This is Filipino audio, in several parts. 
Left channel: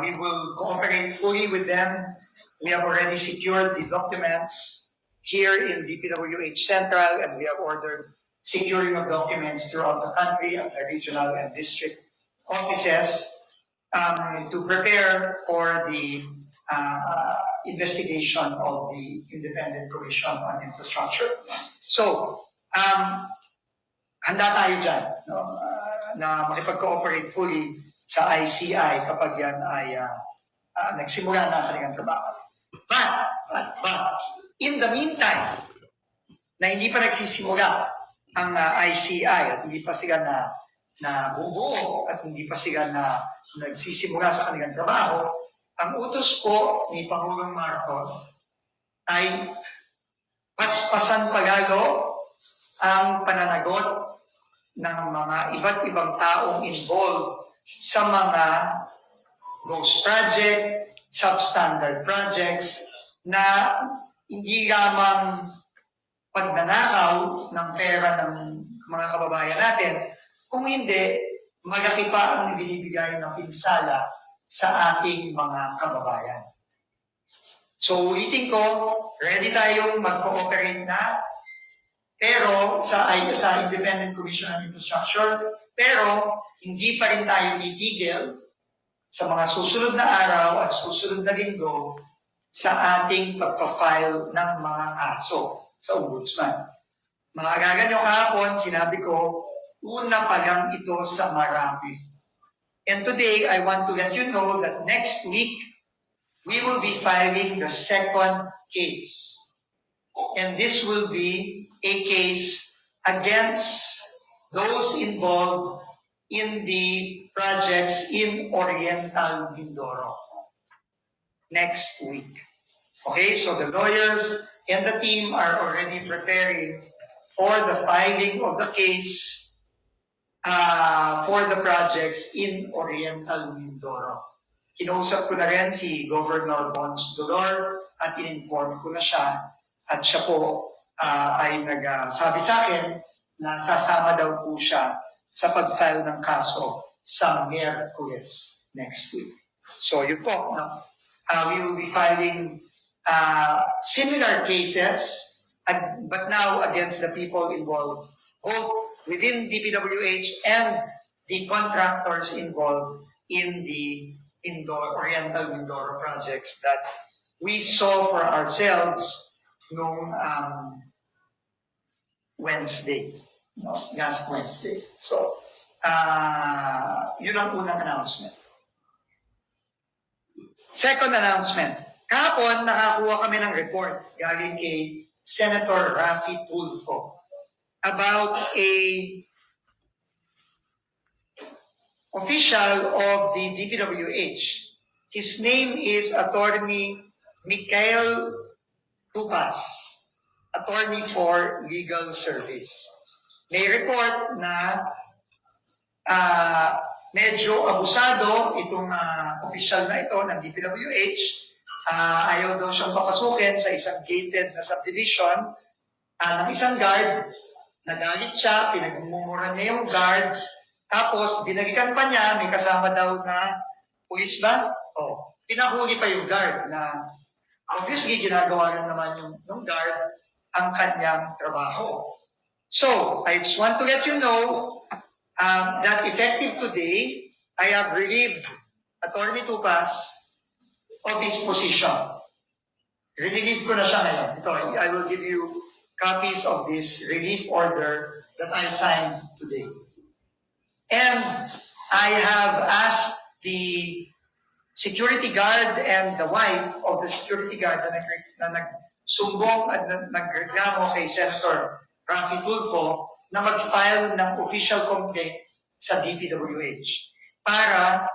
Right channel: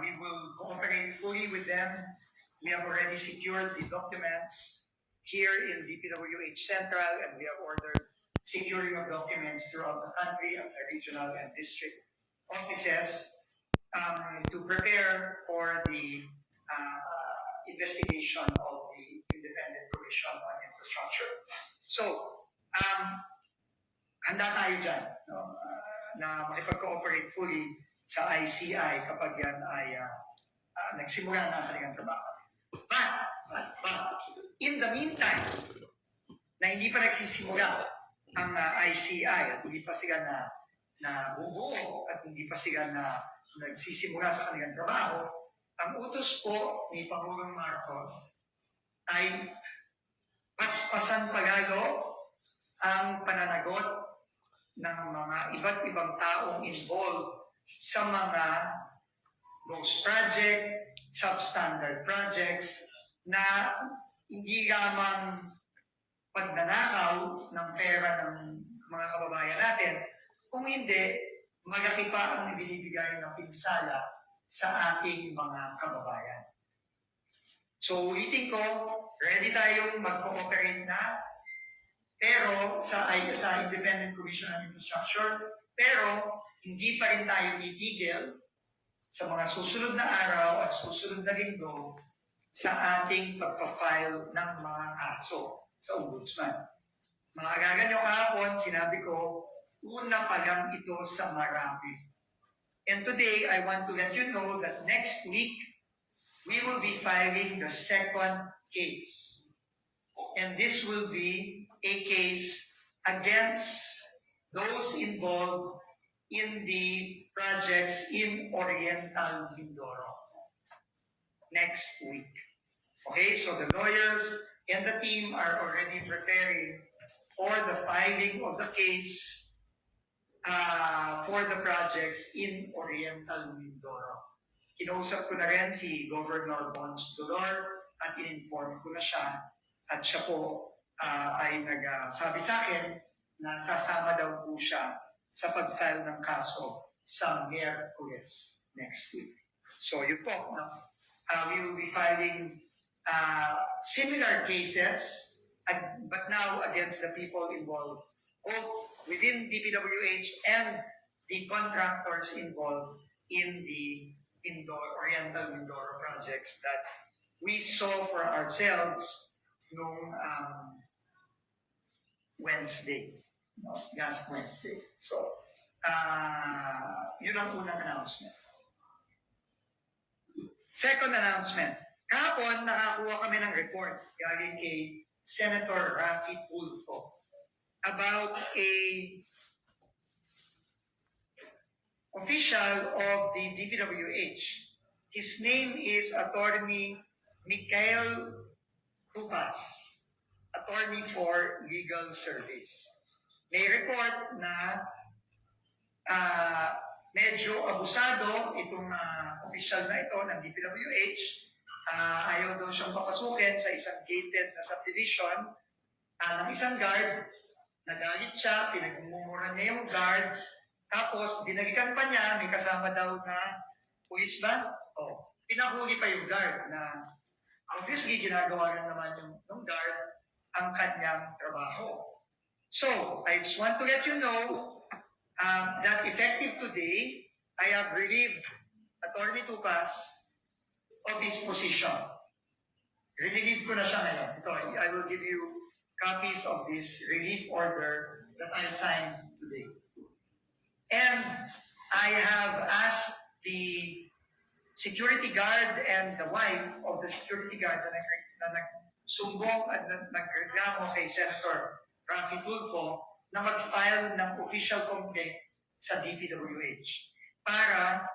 We will cooperate fully with them. We have already secured the documents here in DPWH Central, and we have ordered securing of documents throughout the country at the regional and district offices to prepare for the investigation of the Independent Commission on Infrastructure. So, handa tayo dyan, no? Na makipag-cooperate fully sa ICI kapag yan ay nagsimula na ang kanilang trabaho. But, in the meantime, na hindi pa nagsisimula ang ICI at hindi pa sila na bubuo at hindi pa sila na nagsisimula sa kanilang trabaho, ang utos po ni Pangulong Marcos ay paspasan palalo ang pananagot ng mga iba't ibang taong involved sa mga ghost project, substandard projects na hindi lamang pagnanakaw ng pera ng mga kababayan natin, kung hindi, malaki pa ang ibinibigay ng pinsala sa ating mga kababayan. So ulitin ko, ready tayong mag-cooperate na, pero sa Independent Commission on Infrastructure, pero hindi pa rin tayo titigil sa mga susunod na araw at susunod na linggo sa ating pagpa-file ng mga kaso sa Ombudsman. Maaalala nyo kahapon, sinabi ko, una pa lang ito sa marami. And today, I want to let you know that next week, we will be filing the second case. And this will be a case against those involved in the projects in Oriental Mindoro. Next week. Okay, so the lawyers and the team are already preparing for the filing of the case for the projects in Oriental Mindoro. Kinausap ko na rin si Governor Bons Dolor at in-inform ko na siya at siya po ay nagsabi sa akin na sasama daw po siya sa pag-file ng kaso sa Miyerkules next week. So yun po, no? We will be filing similar cases, but now against the people involved, both within DPWH and the contractors involved in the Oriental Mindoro projects that we saw for ourselves noong Wednesday, no? Last Wednesday. So, yun ang unang announcement. Second announcement. Kahapon, nakakuha kami ng report galing kay Senator Raffy Tulfo about a official of the DPWH. His name is Attorney Mikael Tupas, Attorney for Legal Service. May report na medyo abusado itong official na ito ng DPWH. Ayaw daw siyang papasukin sa isang gated na subdivision ng isang guard. Nagalit siya, pinagmumuran niya yung guard, tapos binalikan pa niya, may kasama daw na pulis ba? Pinahuli pa yung guard na obviously ginagawa lang naman yung guard ang kanyang trabaho. So, I just want to let you know that effective today, I have relieved Attorney Tupas of his position. Relieve ko na siya ngayon. Ito, I will give you copies of this relief order that I signed today. And I have asked the security guard and the wife of the security guard na nagsumbong at nagreklamo kay Senator Raffy Tulfo na mag-file ng official complaint sa DPWH para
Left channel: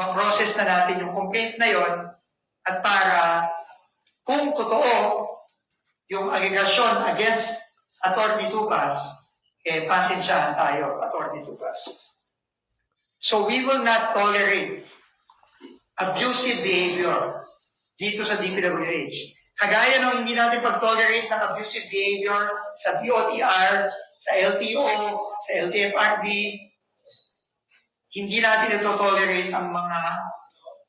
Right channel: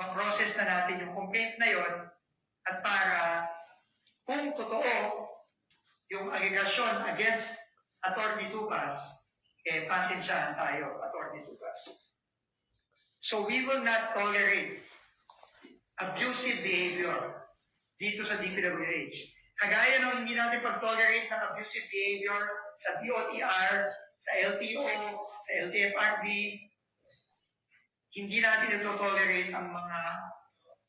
ma-process na natin yung complaint na yon at para kung totoo yung allegation against Attorney Tupas, pasensyahan tayo, Attorney Tupas. So we will not tolerate abusive behavior dito sa DPWH. Kagaya nung hindi natin pag-tolerate ng abusive behavior sa DOTR, sa LTO, sa LTFRB, hindi natin ito tolerate ang mga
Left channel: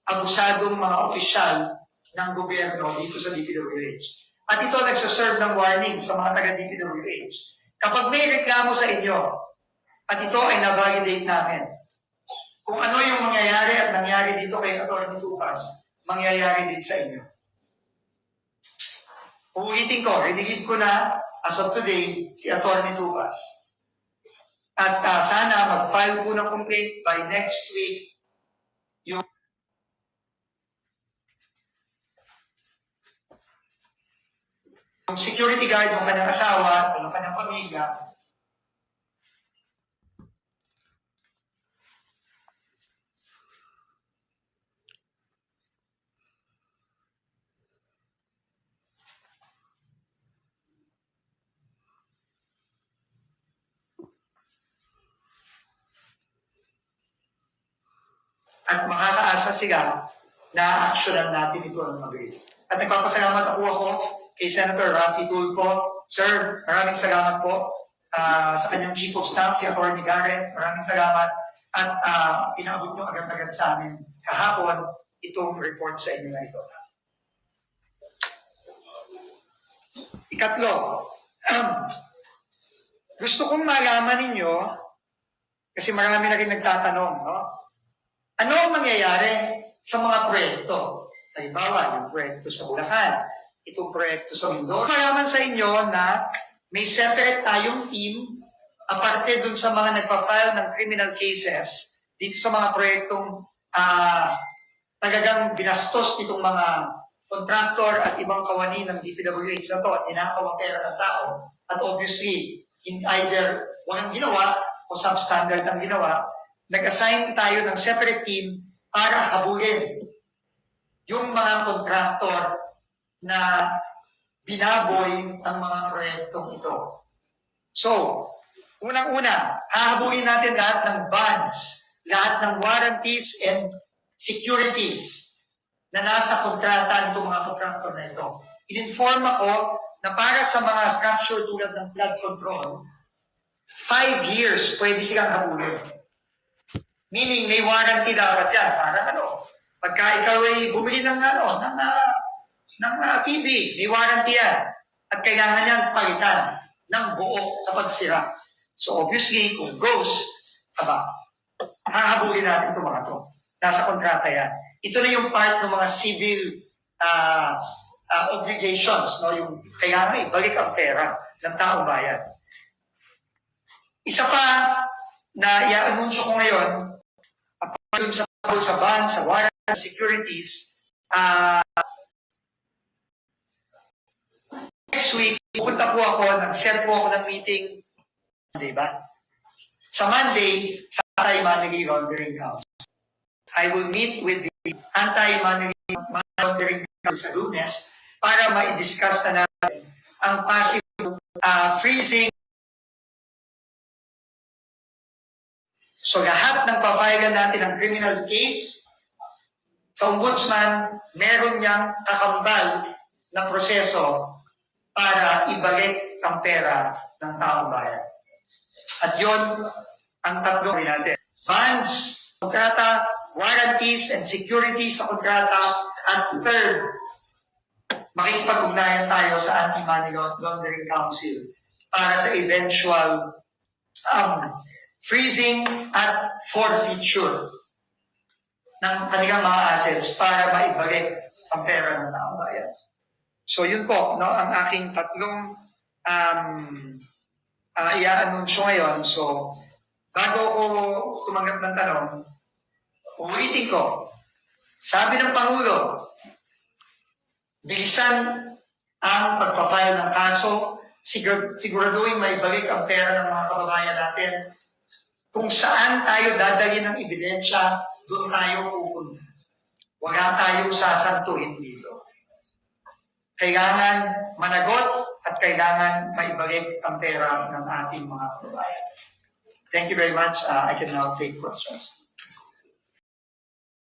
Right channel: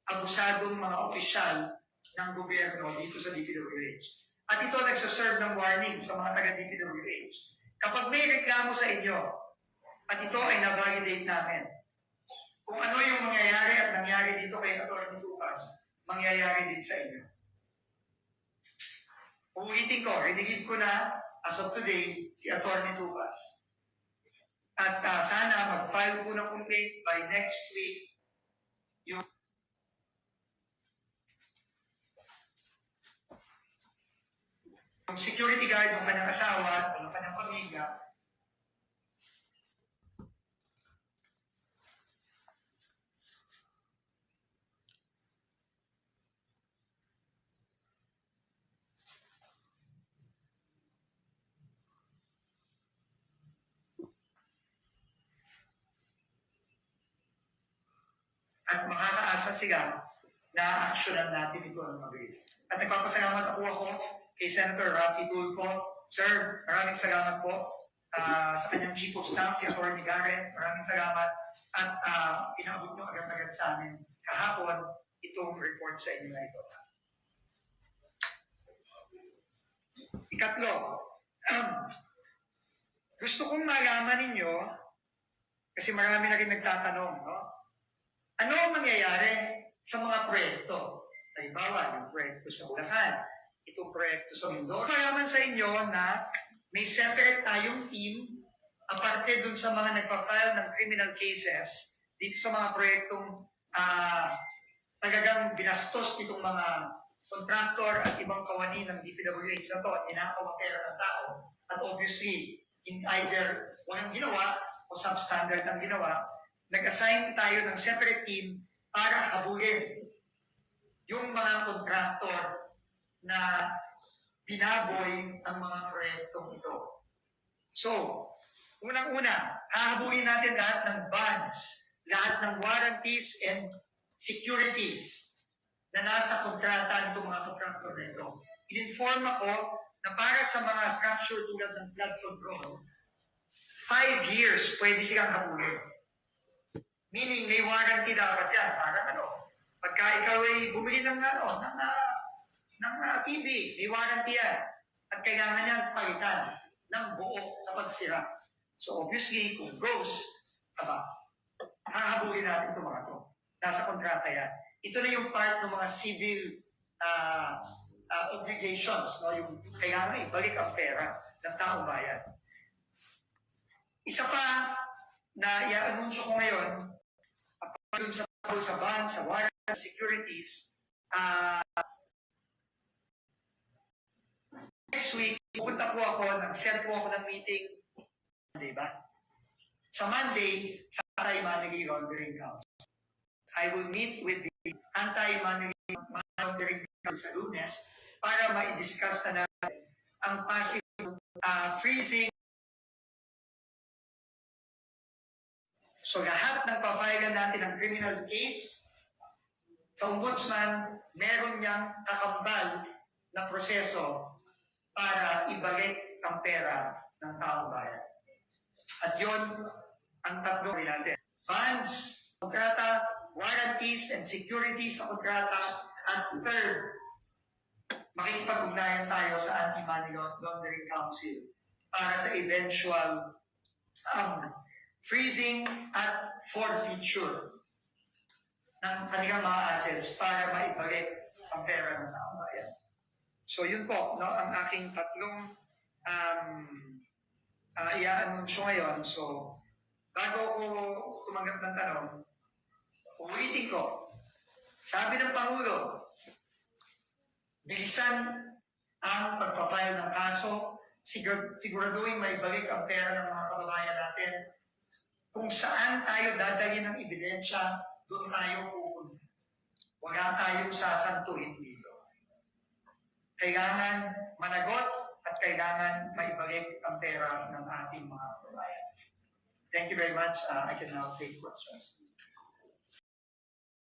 abusadong mga opisyal ng gobyerno dito sa DPWH. At ito nagsaserve ng warning sa mga taga-DPWH. Kapag may reklamo sa inyo, at ito ay na-validate namin, kung ano yung mangyayari at nangyari dito kay Atty. Tupas, mangyayari din sa inyo. Uulitin ko, rinigid ko na as of today si Atty. Tupas. At sana mag-file po ng complaint by next week yung security guard ng kanyang asawa o ng kanyang pamilya. At makakaasa sila na aksyonan natin ito ng mabilis. At nagpapasalamat ako kay Senator Raffy Tulfo. Sir, maraming salamat po sa kanyang Chief of Staff, si Atty. Garrett. Maraming salamat. At pinaabot nyo agad-agad sa amin kahapon itong report sa inyo na ito. Ikatlo, gusto kong malaman ninyo, kasi marami na rin nagtatanong, no? Ano ang mangyayari sa mga proyekto? Halimbawa, yung proyekto sa Bulacan, itong proyekto sa Mindoro. Malaman sa inyo na may separate tayong team aparte dun sa mga nagpa-file ng criminal cases dito sa mga proyektong talagang binastos nitong mga contractor at ibang kawani ng DPWH na to at inakaw ang pera ng tao. At obviously, in either walang ginawa o substandard ang ginawa, nag-assign tayo ng separate team para habulin yung mga contractor na binaboy ang mga proyektong ito. So, unang-una, hahabulin natin lahat ng bonds, lahat ng warranties and securities na nasa kontrata nitong mga contractor na ito. In-inform ako na para sa mga structure tulad ng flood control, 5 years pwede silang habulin. Meaning, may warranty dapat yan. Para pagka ikaw ay bumili ng TV, may warranty yan. At kailangan yan palitan ng buo kapag sira. So obviously, kung ghost, hahabulin natin itong mga ito. Nasa kontrata yan. Ito na yung part ng mga civil obligations, no? Yung kailangan ibalik ang pera ng taong bayan. Isa pa na i-anunsyo ko ngayon, dun sa bond, sa warrant, securities, next week, pupunta po ako, nag-set po ako ng meeting, diba? Sa Monday, sa Anti-Money Laundering House. I will meet with the Anti-Money Laundering House sa Lunes para ma-discuss na natin ang possible freezing. So lahat ng pa-file natin ng criminal case, sa ombudsman, meron niyang kakambal na proseso para ibalik ang pera ng taong bayan. At yon ang tatlo natin. Bonds, kontrata, warranties and securities sa kontrata, at third, makikipag-ugnayan tayo sa Anti-Money Laundering Council para sa eventual freezing at forfeiture ng kanilang mga assets para maibalik ang pera ng taong bayan. So yun po, no, ang aking tatlong i-anunsyo ngayon. So bago ko tumanggap ng tanong, ulitin ko, sabi ng Pangulo, bilisan ang pagpa-file ng kaso, siguraduhin maibalik ang pera ng mga kababayan natin. Kung saan tayo dadalhin ng ebidensya, doon tayo pupunta. Wala tayong sasantuhin dito. Kailangan managot at kailangan maibalik ang pera ng ating mga kababayan. Thank you very much. I can now take questions.